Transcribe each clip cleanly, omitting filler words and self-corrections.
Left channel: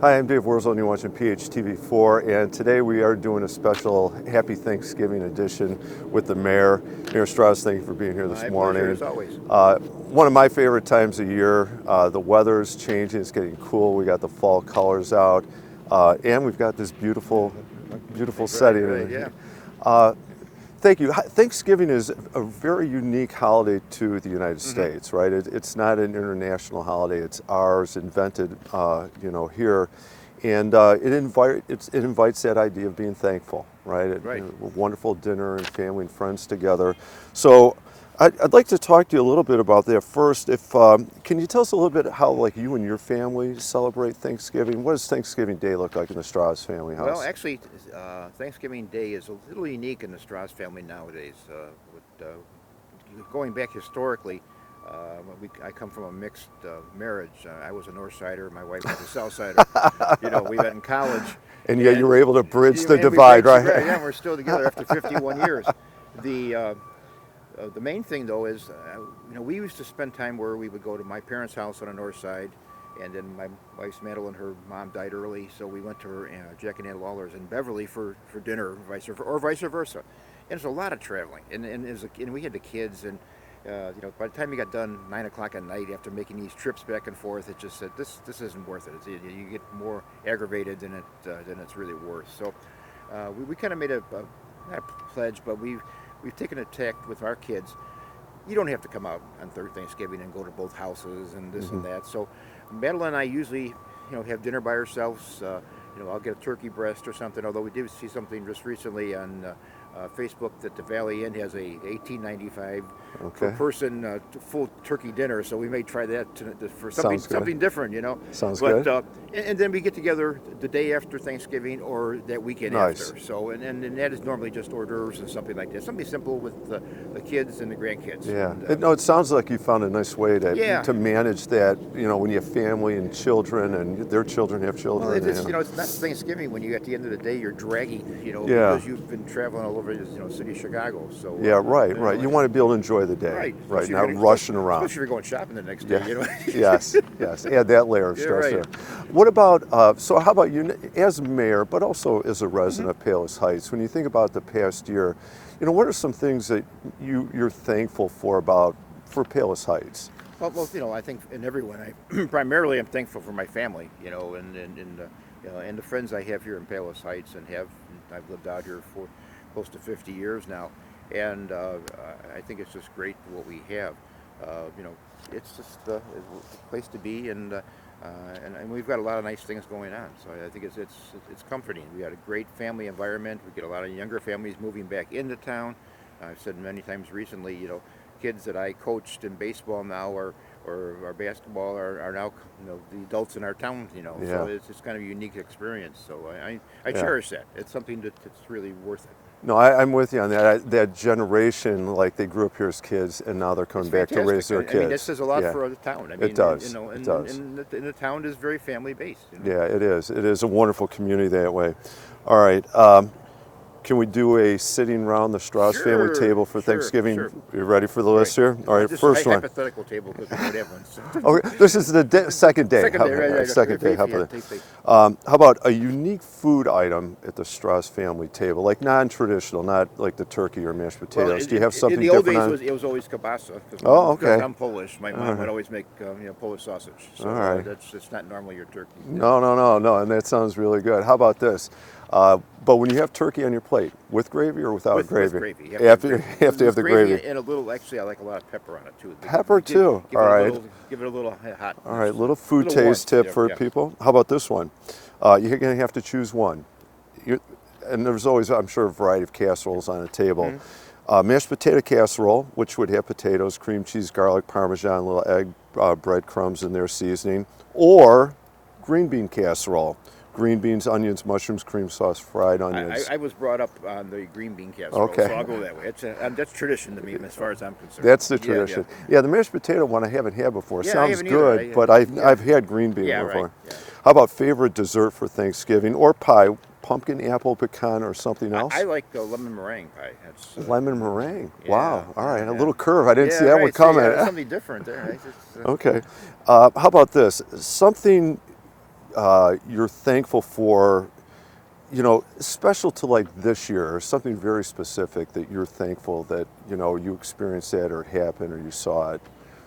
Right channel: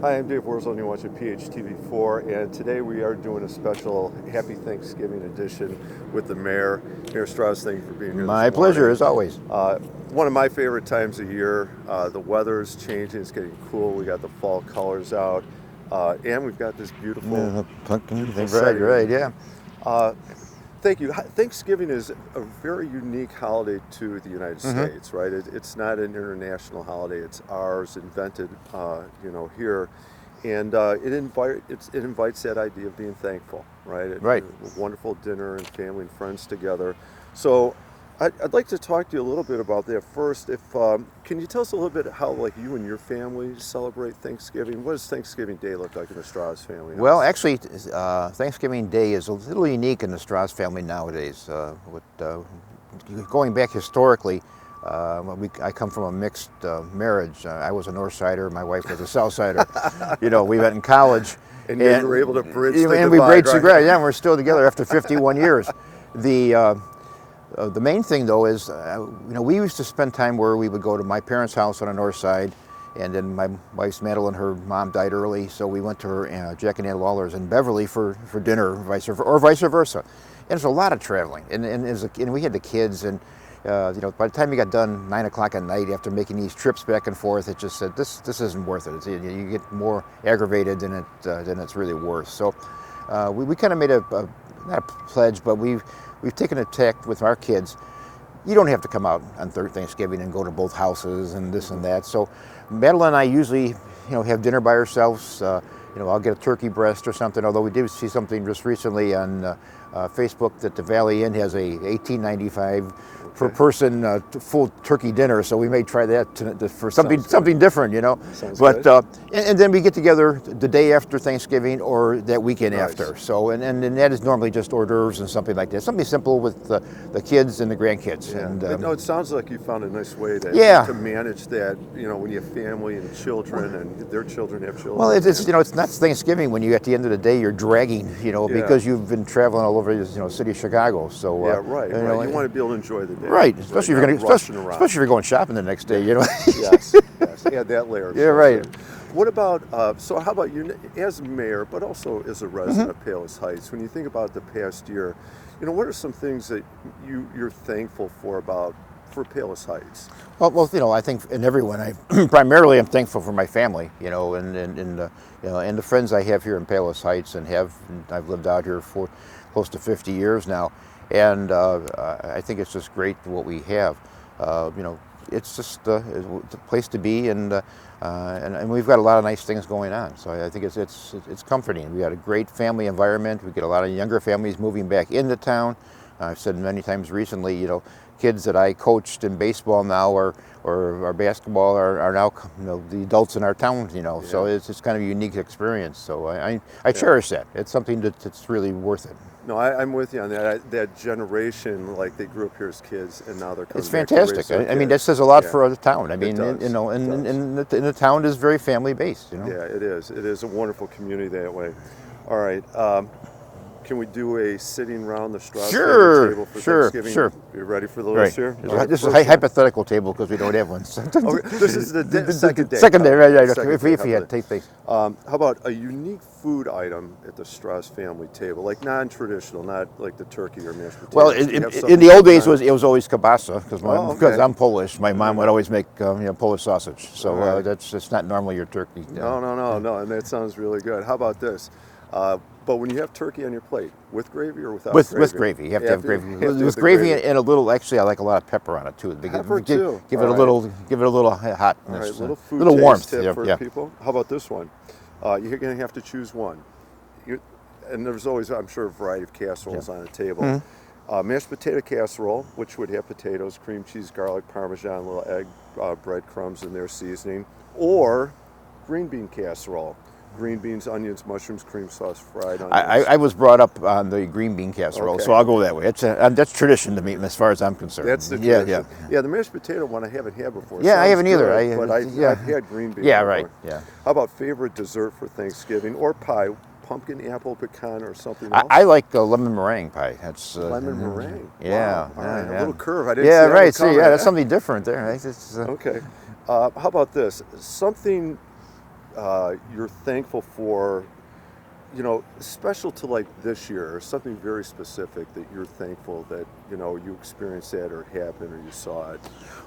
Hi, I'm Dave Wurzel, and you're watching PHTV4, and today we are doing a special Happy Thanksgiving edition with the Mayor. Mayor Straz, thank you for being here this morning. My pleasure, as always. One of my favorite times of year. The weather's changing, it's getting cool, we got the fall colors out, and we've got this beautiful setting. Right, yeah. Thank you. Thanksgiving is a very unique holiday to the United States, right? It's not an international holiday. It's ours, invented, here, and it invites that idea of being thankful, right? Right. A wonderful dinner and family and friends together. So, I'd like to talk to you a little bit about that first. Can you tell us a little bit how you and your family celebrate Thanksgiving? What does Thanksgiving Day look like in the Straz family house? Well, actually, Thanksgiving Day is a little unique in the Straz family nowadays. Going back historically, I come from a mixed marriage. I was a North Sider, my wife was a South Sider. We met in college. And you were able to bridge the and divide, we right? Yeah, we're still together after 51 years. The main thing, though, is we used to spend time where we would go to my parents' house on the north side, and then my wife's Madeline, her mom died early, so we went to her Jack and Ann Lawler's in Beverly for dinner, or vice versa. And it's a lot of traveling, and we had the kids, and by the time you got done 9 o'clock at night after making these trips back and forth, it just said this isn't worth it. You get more aggravated than it's really worth. So we kind of made not a pledge, but we've taken a tack with our kids. You don't have to come out on Thanksgiving and go to both houses and this and that. So Madeline and I usually, have dinner by ourselves. I'll get a turkey breast or something, although we did see something just recently on Facebook that the Valley Inn has a $18.95 per person full turkey dinner, so we may try that for something different, Sounds good. And then we get together the day after Thanksgiving or that weekend Nice. after. So and that is normally just hors d'oeuvres and something like that, something simple with the kids and the grandkids. Yeah. And, No, it sounds like you found a nice way to manage that. When you have family and children, and their children have children. Well, it's not Thanksgiving when at the end of the day you're dragging, because you've been traveling all over the city of Chicago. So Yeah, right. You want to be able to enjoy the day. Right, especially not if you're rushing around. especially if you're going shopping the next day. Yes. Add that layer. Yeah, right. What about, so how about you as mayor, but also as a resident of Palos Heights, when you think about the past year, what are some things that you're thankful for Palos Heights? Well, I think in everyone, primarily I'm thankful for my family, and the friends I have here in Palos Heights, and I've lived out here for close to 50 years now, and I think it's just great what we have. It's just a place to be, and we've got a lot of nice things going on. So I think it's comforting. We got a great family environment. We get a lot of younger families moving back into town. I've said many times recently, kids that I coached in baseball now or basketball are now the adults in our town. Yeah. So it's kind of a unique experience. So I cherish that. It's something that's really worth it. No, I'm with you on that. That generation, they grew up here as kids, and now they're coming back to raise their It's fantastic. kids. That says a lot for the town. It does. And the town is very family based. Yeah, it is. It is a wonderful community that way. All right. Can we do a sitting around the Straz family table for Thanksgiving? Sure. You ready for the list here? All right, This is first a hypothetical table because we don't have one. Okay, this is the second day. Second day, right. Second day, how about a unique food item at the Straz family table, non-traditional, not like the turkey or mashed potatoes? Well, Do you have in something the old days, different? it was always kielbasa because I'm Polish. My mom would always make Polish sausage. So it's not normally your turkey. No, and that sounds really good. How about this? But when you have turkey on your plate, with gravy or without gravy? With gravy. You have to have gravy. With gravy and a little, actually, I like a lot of pepper on it too. Pepper too. Give it a little hot. All right, little food little taste warmth tip for people. How about this one? You're going to have to choose one. And there's always, I'm sure, a variety of casseroles on a table. Mashed potato casserole, which would have potatoes, cream cheese, garlic, Parmesan, little egg, breadcrumbs in their seasoning, or green bean casserole. Green beans, onions, mushrooms, cream sauce, fried onions. I was brought up on the green bean casserole, Okay. so I'll go that way. That's tradition to me, as far as I'm concerned. That's the tradition. Yeah, the mashed potato one I haven't had before. Yeah, Sounds I haven't either. good, but I've had green bean before. right. Yeah. How about favorite dessert for Thanksgiving or pie? Pumpkin, apple, pecan, or something else? I like lemon meringue pie. That's lemon meringue. Yeah. Wow. All right, Yeah. a little curve. I didn't see Yeah, that right. one coming. That's something different there. Okay. How about this? Something you're thankful for, you know, special to like this year, or something very specific that you're thankful that, you know, you experienced that or happened or you saw it?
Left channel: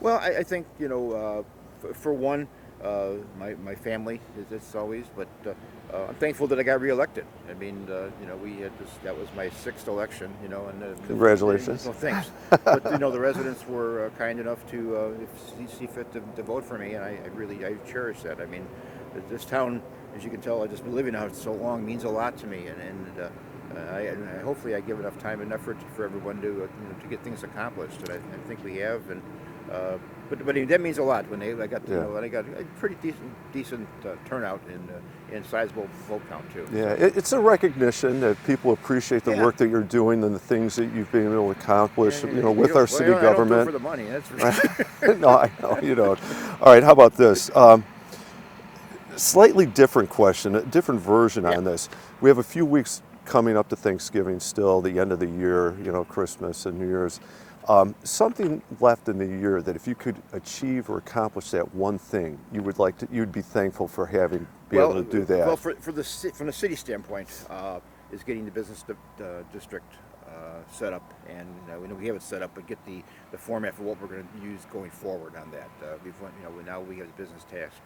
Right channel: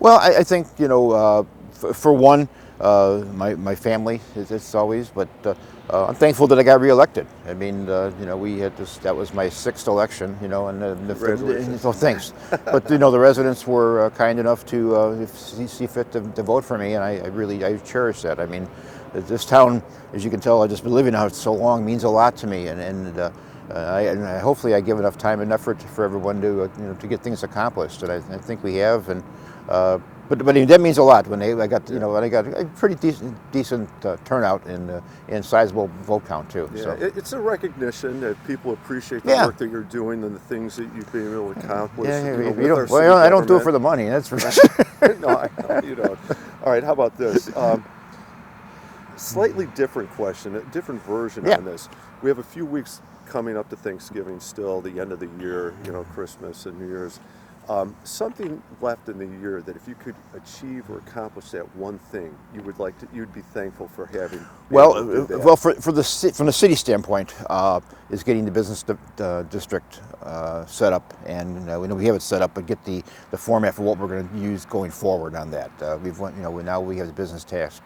Well, I think, you know, for one, my family it's always, but I'm thankful that I got reelected. I mean, you know, we had this. That was my sixth election. You know, and Congratulations. So thanks. But you know, the residents were kind enough to see fit to vote for me, and I really cherish that. I mean, this town, as you can tell, I've just been living out so long, means a lot to me, and hopefully I give enough time and effort for everyone to you know, to get things accomplished, and I think we have. And but that means a lot when I got you know, when I got a pretty decent turnout and sizable vote count too. Yeah, So. it's a recognition that people appreciate the work that you're doing and the things that you've been able to accomplish. Yeah, you know, with our city I don't do it government. for the money, that's for sure. No, I know you don't. All right, how about this? Slightly different question, a different version on this. We have a few weeks coming up to Thanksgiving still, the end of the year, you know, Christmas and New Year's. Something left in the year that if you could achieve or accomplish that one thing, you would like to, you'd be thankful for having been able to do that. Well, from the city standpoint, is getting the business district set up, and we have it set up, but get the format for what we're going to use going forward on that. Now we have the business tax.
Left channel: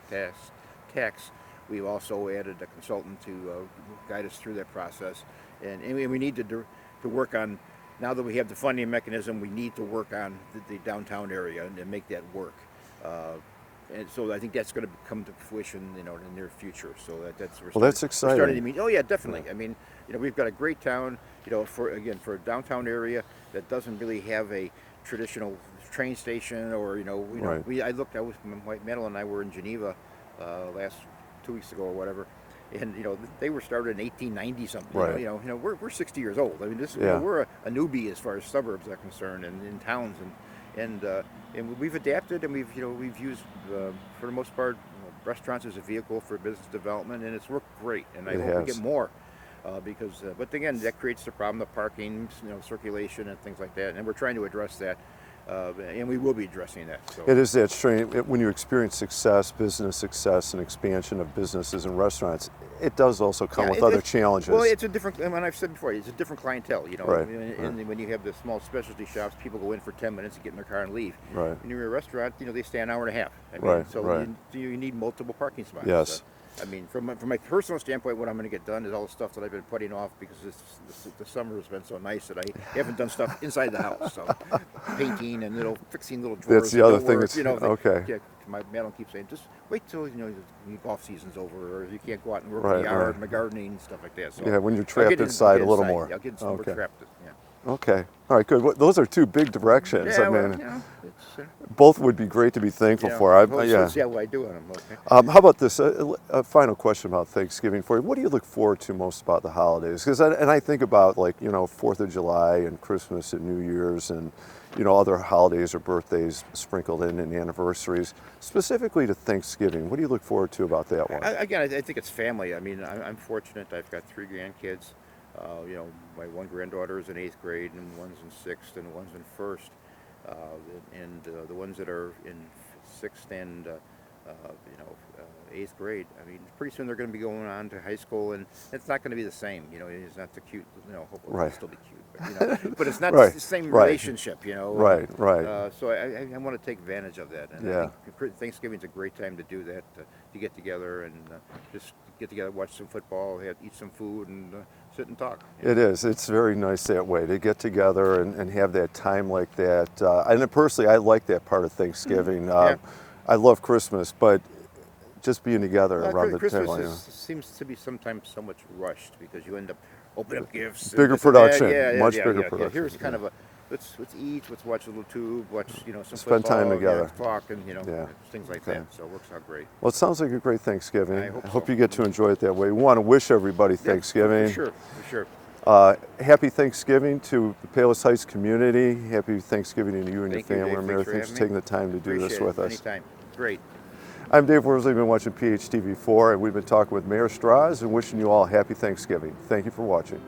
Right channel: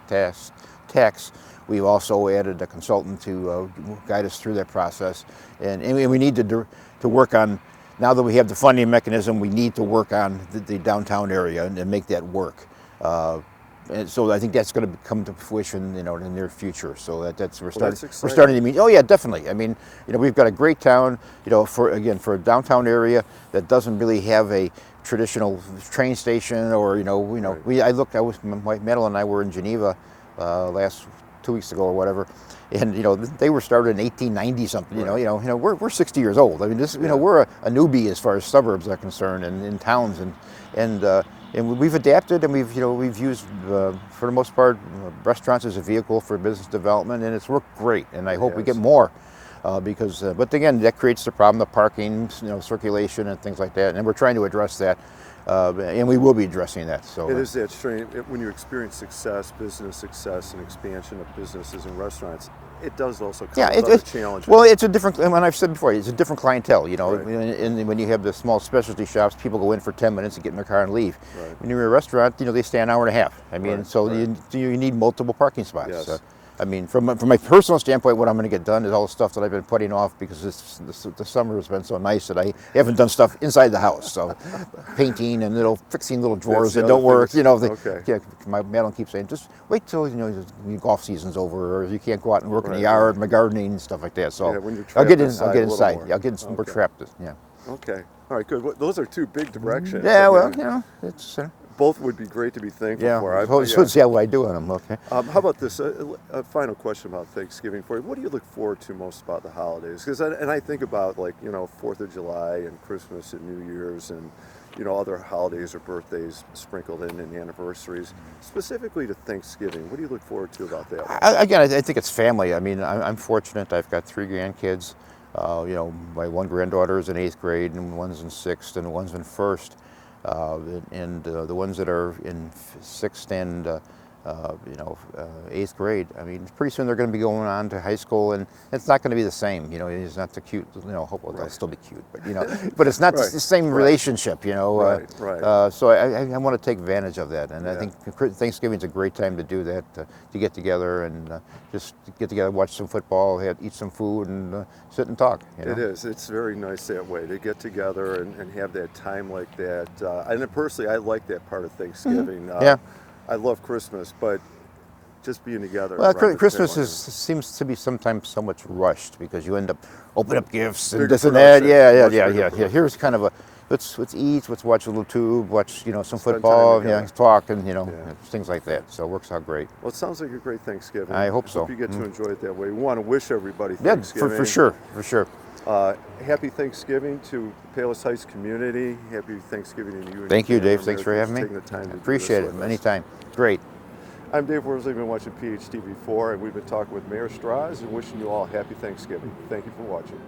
We've also added a consultant to guide us through that process, and we need to work on. Now that we have the funding mechanism, we need to work on the downtown area and make that work. And so I think that's going to come to fruition, you know, in the near future. So we're starting to meet. Oh yeah, definitely. I mean, you know, we've got a great town. You know, for a downtown area that doesn't really have a traditional train station, or Madeline and I were in Geneva last 2 weeks ago or whatever. And you know, they were started in 1890 something. Right. You know, we're 60 years old. I mean, this, you know, we're a newbie as far as suburbs are concerned, and in towns, and we've adapted, and we've used for the most part restaurants as a vehicle for business development, and it's worked great. And I hope we get more, because but again, that creates the problem of parking, you know, circulation and things like that. And we're trying to address that. And we will be addressing that. So it is that strain when you experience success, business success, and expansion of businesses and restaurants. It does also come with other challenges. Well, it's a different, and I've said before, it's a different clientele. You know, and when you have the small specialty shops, people go in for 10 minutes and get in their car and leave. Right. When you're a restaurant, you know, they stay an hour and a half. I mean, you need multiple parking spots. Yes. I mean, from my personal standpoint, what I'm going to get done is all the stuff that I've been putting off because the summer has been so nice that I haven't done stuff inside the house. So painting and fixing little drawers that don't work. You know, my Madeline keeps saying, just wait till your golf season's over, or you can't go out and work in the yard, my gardening and stuff like that. So when you're trapped inside a little more. I'll get some more trapped. Yeah. Okay. All right. Good. Those are two big directions. Yeah. Well, you know, it's. Both would be great to be thankful for. See how I do on them. Okay. How about this? A final question about Thanksgiving for you. What do you look forward to most about the holidays? Because I think about 4th of July and Christmas and New Year's and other holidays or birthdays sprinkled in and anniversaries. Specifically to Thanksgiving, what do you look forward to about that one? I think it's family. I mean, I'm fortunate. I've got 3 grandkids. My one granddaughter is in 8th grade, and one's in 6th, and one's in 1st. The ones that are in 6th and 8th grade, I mean, pretty soon they're going to be going on to high school, and it's not going to be the same. You know, he's not the cute. Hopefully they'll still be cute, but but it's not the same relationship. You know, right. So I want to take advantage of that, and I think Thanksgiving's a great time to do that, to get together and just get together, watch some football, eat some food, and sit and talk. It is. It's very nice that way to get together and have that time like that. And personally, I like that part of Thanksgiving. I love Christmas, but just being together. Well, Christmas seems to be sometimes so much rushed because you end up opening up gifts. Bigger production. Yeah. Here's kind of a let's eat, let's watch a little tube, watch some football, talk, and things like that. So it works out great. Well, it sounds like a great Thanksgiving. I hope so. Hope you get to enjoy it that way. We want to wish everybody Thanksgiving. For sure. Happy Thanksgiving to the Palos Heights community. Happy Thanksgiving to you and Thank you, family. Dave. Thanks for having me. Taking the time to Appreciate do this it. with us. Anytime. Great. I'm Dave Worsley. You've been watching PHTV4, and we've been talking with Mayor Straz and wishing you all a happy Thanksgiving. Thank you for watching.